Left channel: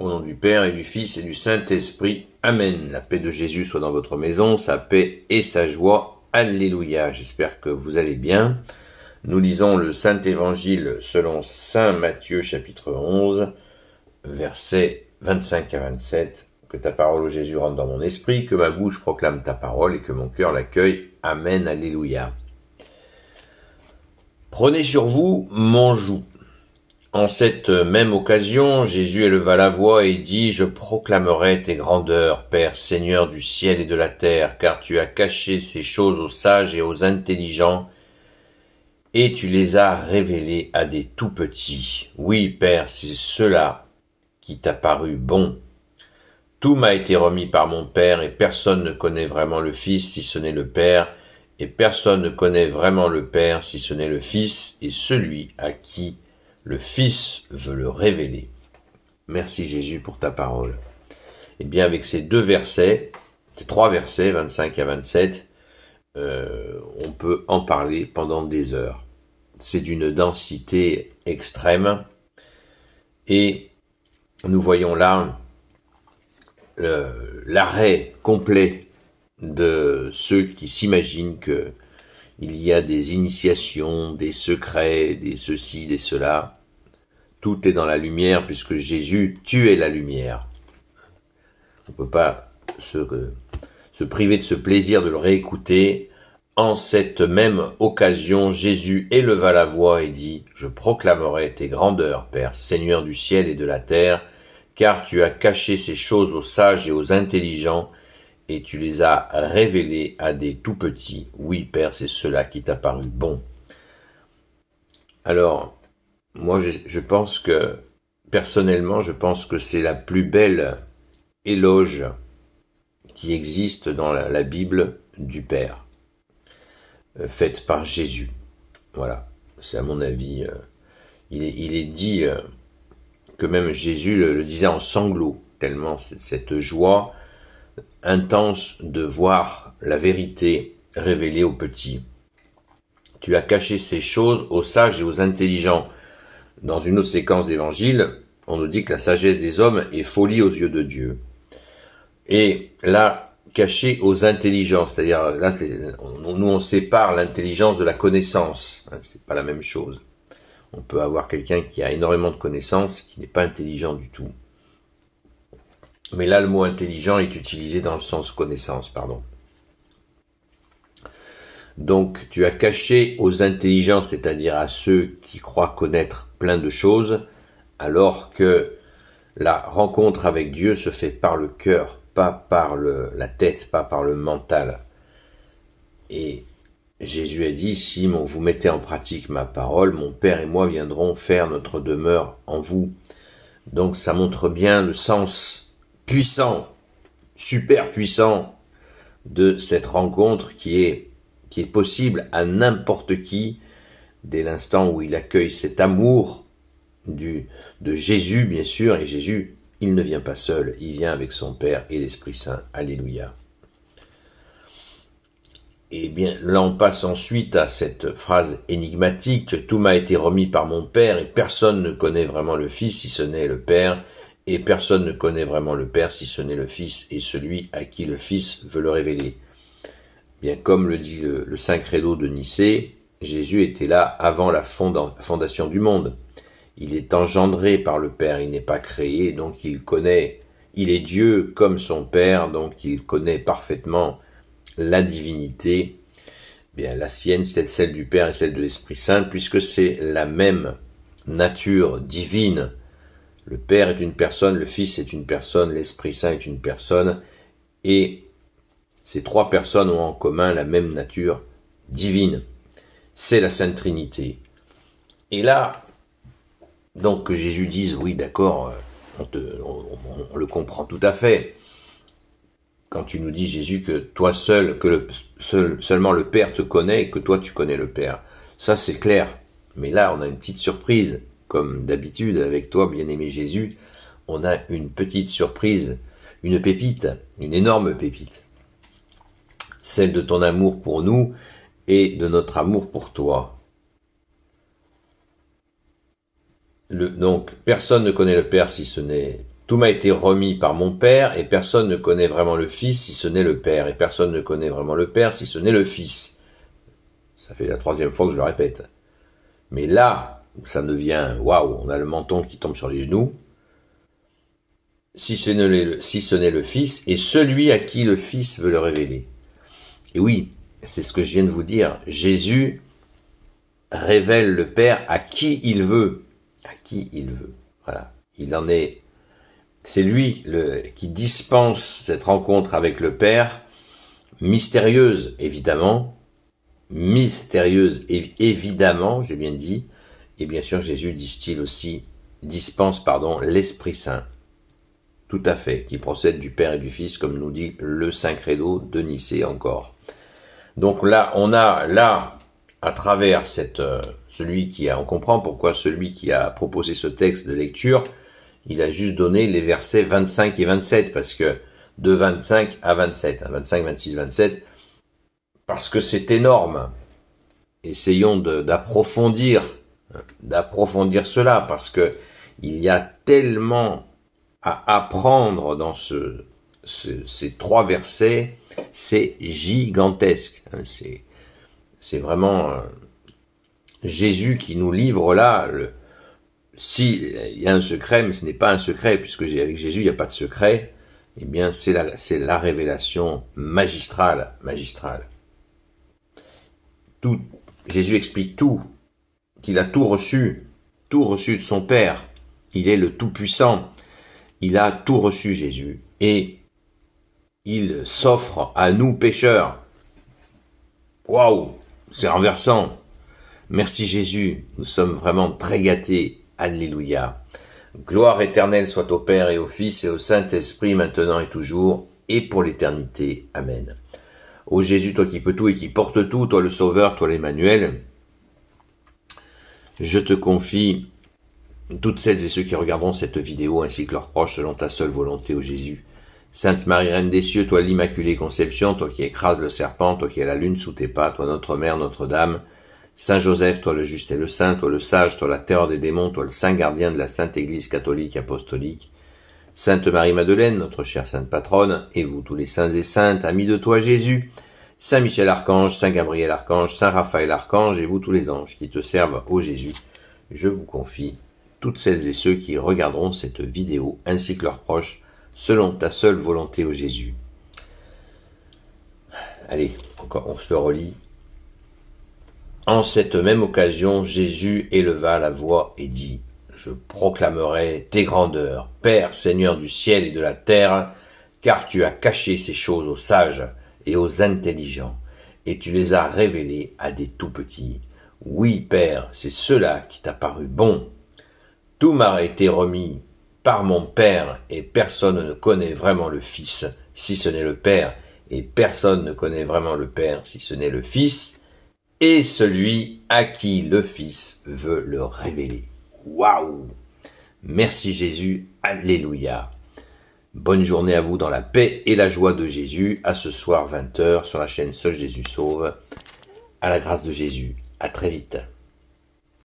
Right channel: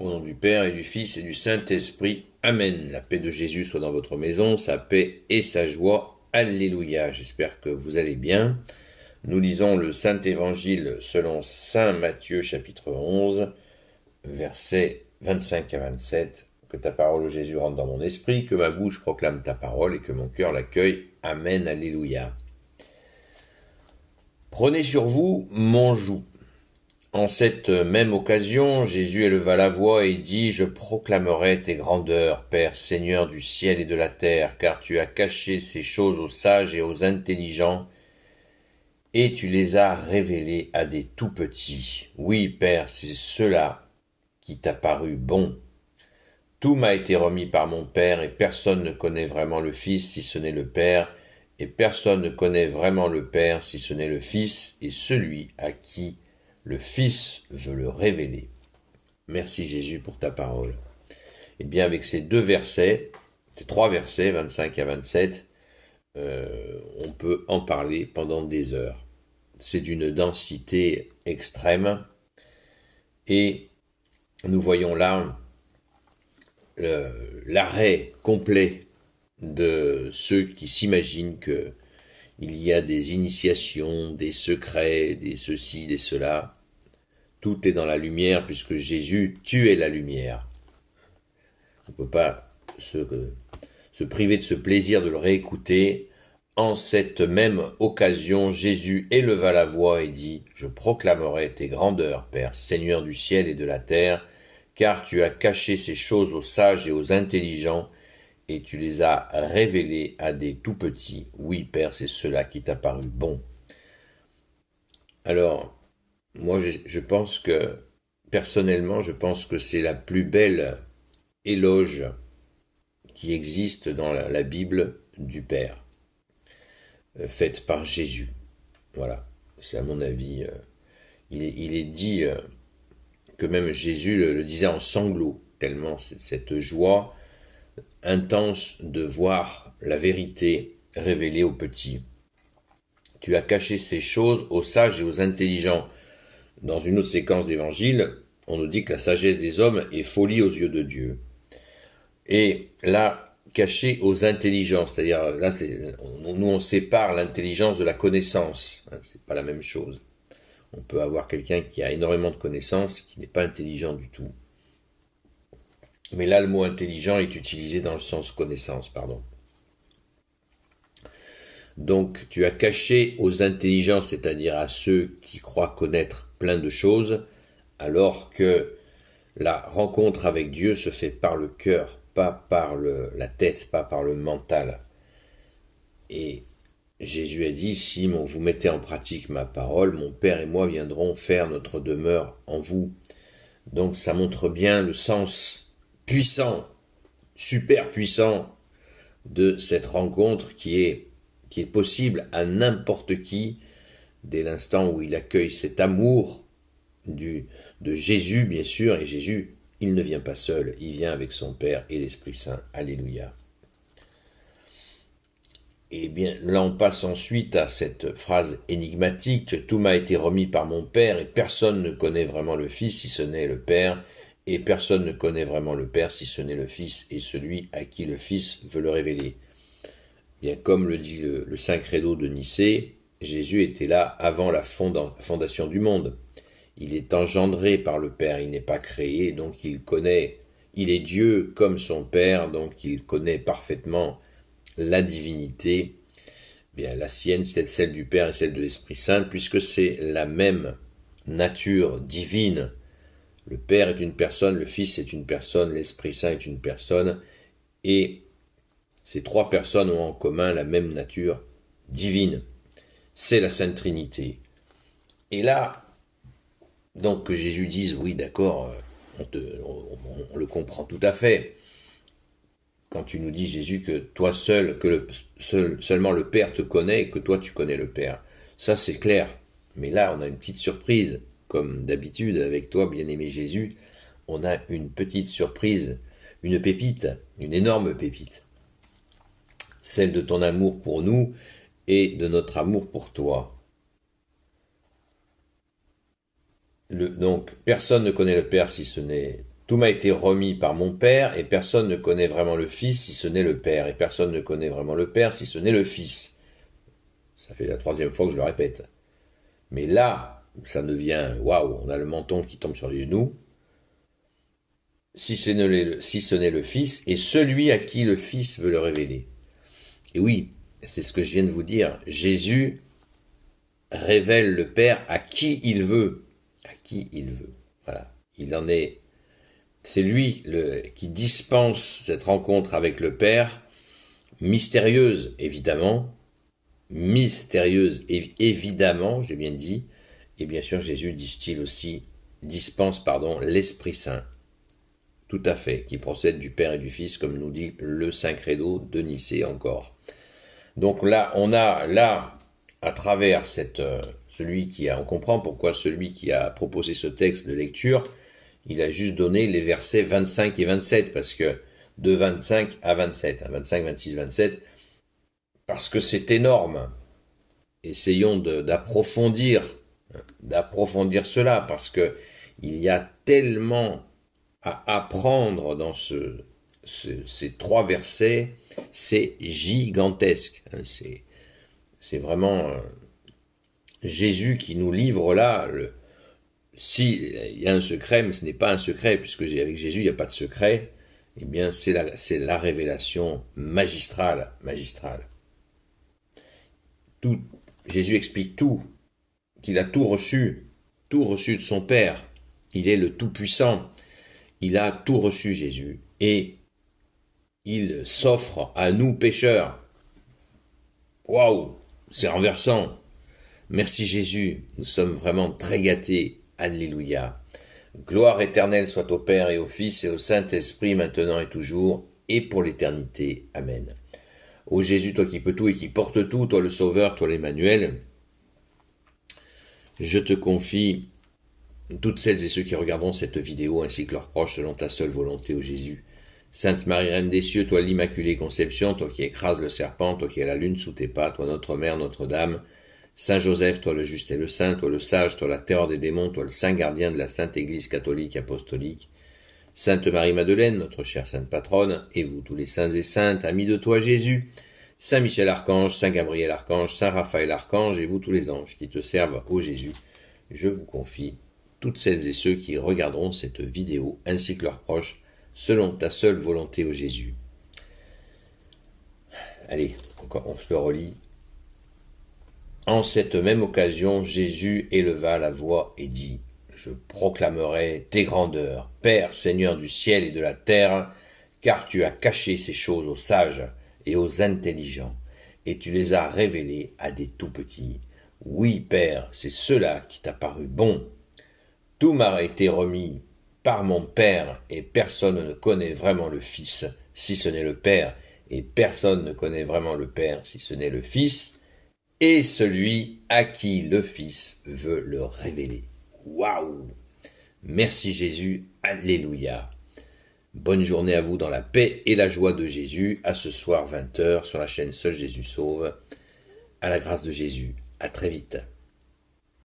Au nom du Père et du Fils et du Saint-Esprit. Amen. La paix de Jésus soit dans votre maison, sa paix et sa joie. Alléluia. J'espère que vous allez bien. Nous lisons le Saint-Évangile selon Saint Matthieu chapitre 11, versets 25 à 27. Que ta parole, ô Jésus, rentre dans mon esprit, que ma bouche proclame ta parole et que mon cœur l'accueille. Amen. Alléluia. Prenez sur vous mon joug. En cette même occasion, Jésus éleva la voix et dit « Je proclamerai tes grandeurs, Père, Seigneur du ciel et de la terre, car tu as caché ces choses aux sages et aux intelligents, et tu les as révélées à des tout-petits. Oui, Père, c'est cela qui t'a paru bon. Tout m'a été remis par mon Père, et personne ne connaît vraiment le Fils si ce n'est le Père, et personne ne connaît vraiment le Père si ce n'est le Fils, et celui à qui le Fils veut le révéler. » Merci Jésus pour ta parole. Et bien avec ces deux versets, ces trois versets, 25 à 27, on peut en parler pendant des heures. C'est d'une densité extrême et nous voyons là l'arrêt complet de ceux qui s'imaginent que il y a des initiations, des secrets, des ceci, des cela. Tout est dans la lumière puisque Jésus, tu es la lumière. On ne peut pas se priver de ce plaisir de le réécouter. En cette même occasion, Jésus éleva la voix et dit « Je proclamerai tes grandeurs, Père, Seigneur du ciel et de la terre, car tu as caché ces choses aux sages et aux intelligents, et tu les as révélés à des tout-petits. Oui, Père, c'est cela qui t'a paru bon. » Alors, moi, je pense que, personnellement, je pense que c'est la plus belle éloge qui existe dans la Bible du Père, faite par Jésus. Voilà, c'est à mon avis, il est dit que même Jésus le disait en sanglots, tellement cette joie intense de voir la vérité révélée aux petits. Tu as caché ces choses aux sages et aux intelligents. Dans une autre séquence d'évangile, on nous dit que la sagesse des hommes est folie aux yeux de Dieu. Et là, caché aux intelligents, c'est-à-dire là, nous on sépare l'intelligence de la connaissance. C'est pas la même chose. On peut avoir quelqu'un qui a énormément de connaissances, qui n'est pas intelligent du tout. Mais là, le mot intelligent est utilisé dans le sens connaissance, pardon. Donc, tu as caché aux intelligents, c'est-à-dire à ceux qui croient connaître plein de choses, alors que la rencontre avec Dieu se fait par le cœur, pas par la tête, pas par le mental. Et Jésus a dit, si vous mettez en pratique ma parole, mon Père et moi viendrons faire notre demeure en vous. Donc, ça montre bien le sens puissant, super puissant de cette rencontre qui est possible à n'importe qui dès l'instant où il accueille cet amour de Jésus, bien sûr. Et Jésus, il ne vient pas seul, il vient avec son Père et l'Esprit Saint. Alléluia. Et bien là on passe ensuite à cette phrase énigmatique, tout m'a été remis par mon Père et personne ne connaît vraiment le Fils si ce n'est le Père, et personne ne connaît vraiment le Père si ce n'est le Fils et celui à qui le Fils veut le révéler. Bien comme le dit le Saint Credo de Nicée, Jésus était là avant la fondation du monde. Il est engendré par le Père, il n'est pas créé, donc il connaît, il est Dieu comme son Père, donc il connaît parfaitement la divinité. Bien, la sienne, c'est celle du Père et celle de l'Esprit Saint, puisque c'est la même nature divine. Le Père est une personne, le Fils est une personne, l'Esprit Saint est une personne, et ces trois personnes ont en commun la même nature divine. C'est la Sainte Trinité. Et là, donc que Jésus dise, oui d'accord, on le comprend tout à fait. Quand tu nous dis, Jésus, que toi seul, seulement le Père te connaît et que toi tu connais le Père. Ça c'est clair. Mais là, on a une petite surprise. Comme d'habitude avec toi, bien-aimé Jésus, on a une petite surprise, une pépite, une énorme pépite. Celle de ton amour pour nous et de notre amour pour toi. Donc, personne ne connaît le Père si ce n'est Tout m'a été remis par mon Père, et personne ne connaît vraiment le Fils si ce n'est le Père, et personne ne connaît vraiment le Père si ce n'est le Fils. Ça fait la 3e fois que je le répète. Mais là, ça devient, waouh, on a le menton qui tombe sur les genoux. Si ce n'est le Fils, et celui à qui le Fils veut le révéler. Et oui, c'est ce que je viens de vous dire. Jésus révèle le Père à qui il veut. À qui il veut. Voilà. C'est lui qui dispense cette rencontre avec le Père, mystérieuse évidemment, j'ai bien dit, et bien sûr Jésus dispense l'Esprit Saint, tout à fait, qui procède du Père et du Fils, comme nous dit le Saint Credo de Nicée encore. Donc là, on a à travers on comprend pourquoi celui qui a proposé ce texte de lecture, il a juste donné les versets 25 et 27, parce que de 25 à 27, 25, 26, 27, parce que c'est énorme. Essayons d'approfondir cela, parce que il y a tellement à apprendre dans ces 3 versets, c'est gigantesque. C'est vraiment Jésus qui nous livre là. Si il y a un secret, mais ce n'est pas un secret, puisque avec Jésus il n'y a pas de secret, eh bien c'est la révélation magistrale. Jésus explique tout, qu'il a tout reçu de son Père. Il est le Tout-Puissant. Il a tout reçu, Jésus, et il s'offre à nous pécheurs. Waouh, c'est renversant. Merci Jésus, nous sommes vraiment très gâtés. Alléluia. Gloire éternelle soit au Père et au Fils et au Saint-Esprit, maintenant et toujours, et pour l'éternité. Amen. Ô Jésus, toi qui peux tout et qui portes tout, toi le Sauveur, toi l'Emmanuel, je te confie toutes celles et ceux qui regarderont cette vidéo, ainsi que leurs proches, selon ta seule volonté, ô Jésus. Sainte Marie, Reine des cieux, toi l'Immaculée Conception, toi qui écrases le serpent, toi qui as la lune sous tes pas, toi notre Mère, Notre-Dame, Saint Joseph, toi le juste et le saint, toi le sage, toi la terreur des démons, toi le saint gardien de la Sainte Église catholique apostolique, Sainte Marie-Madeleine, notre chère sainte patronne, et vous tous les saints et saintes, amis de toi Jésus, Saint Michel Archange, Saint Gabriel Archange, Saint Raphaël Archange, et vous tous les anges qui te servent, ô Jésus, je vous confie toutes celles et ceux qui regarderont cette vidéo, ainsi que leurs proches, selon ta seule volonté, ô Jésus. Allez, encore on se le relit. En cette même occasion, Jésus éleva la voix et dit : « Je proclamerai tes grandeurs, Père, Seigneur du ciel et de la terre, car tu as caché ces choses aux sages et aux intelligents, et tu les as révélées à des tout-petits. Oui, Père, c'est cela qui t'a paru bon. Tout m'a été remis par mon Père, et personne ne connaît vraiment le Fils, si ce n'est le Père, et personne ne connaît vraiment le Père, si ce n'est le Fils, et celui à qui le Fils veut le révéler. » Waouh! Merci Jésus, alléluia. Bonne journée à vous dans la paix et la joie de Jésus. À ce soir 20h sur la chaîne Seul Jésus Sauve. À la grâce de Jésus. À très vite.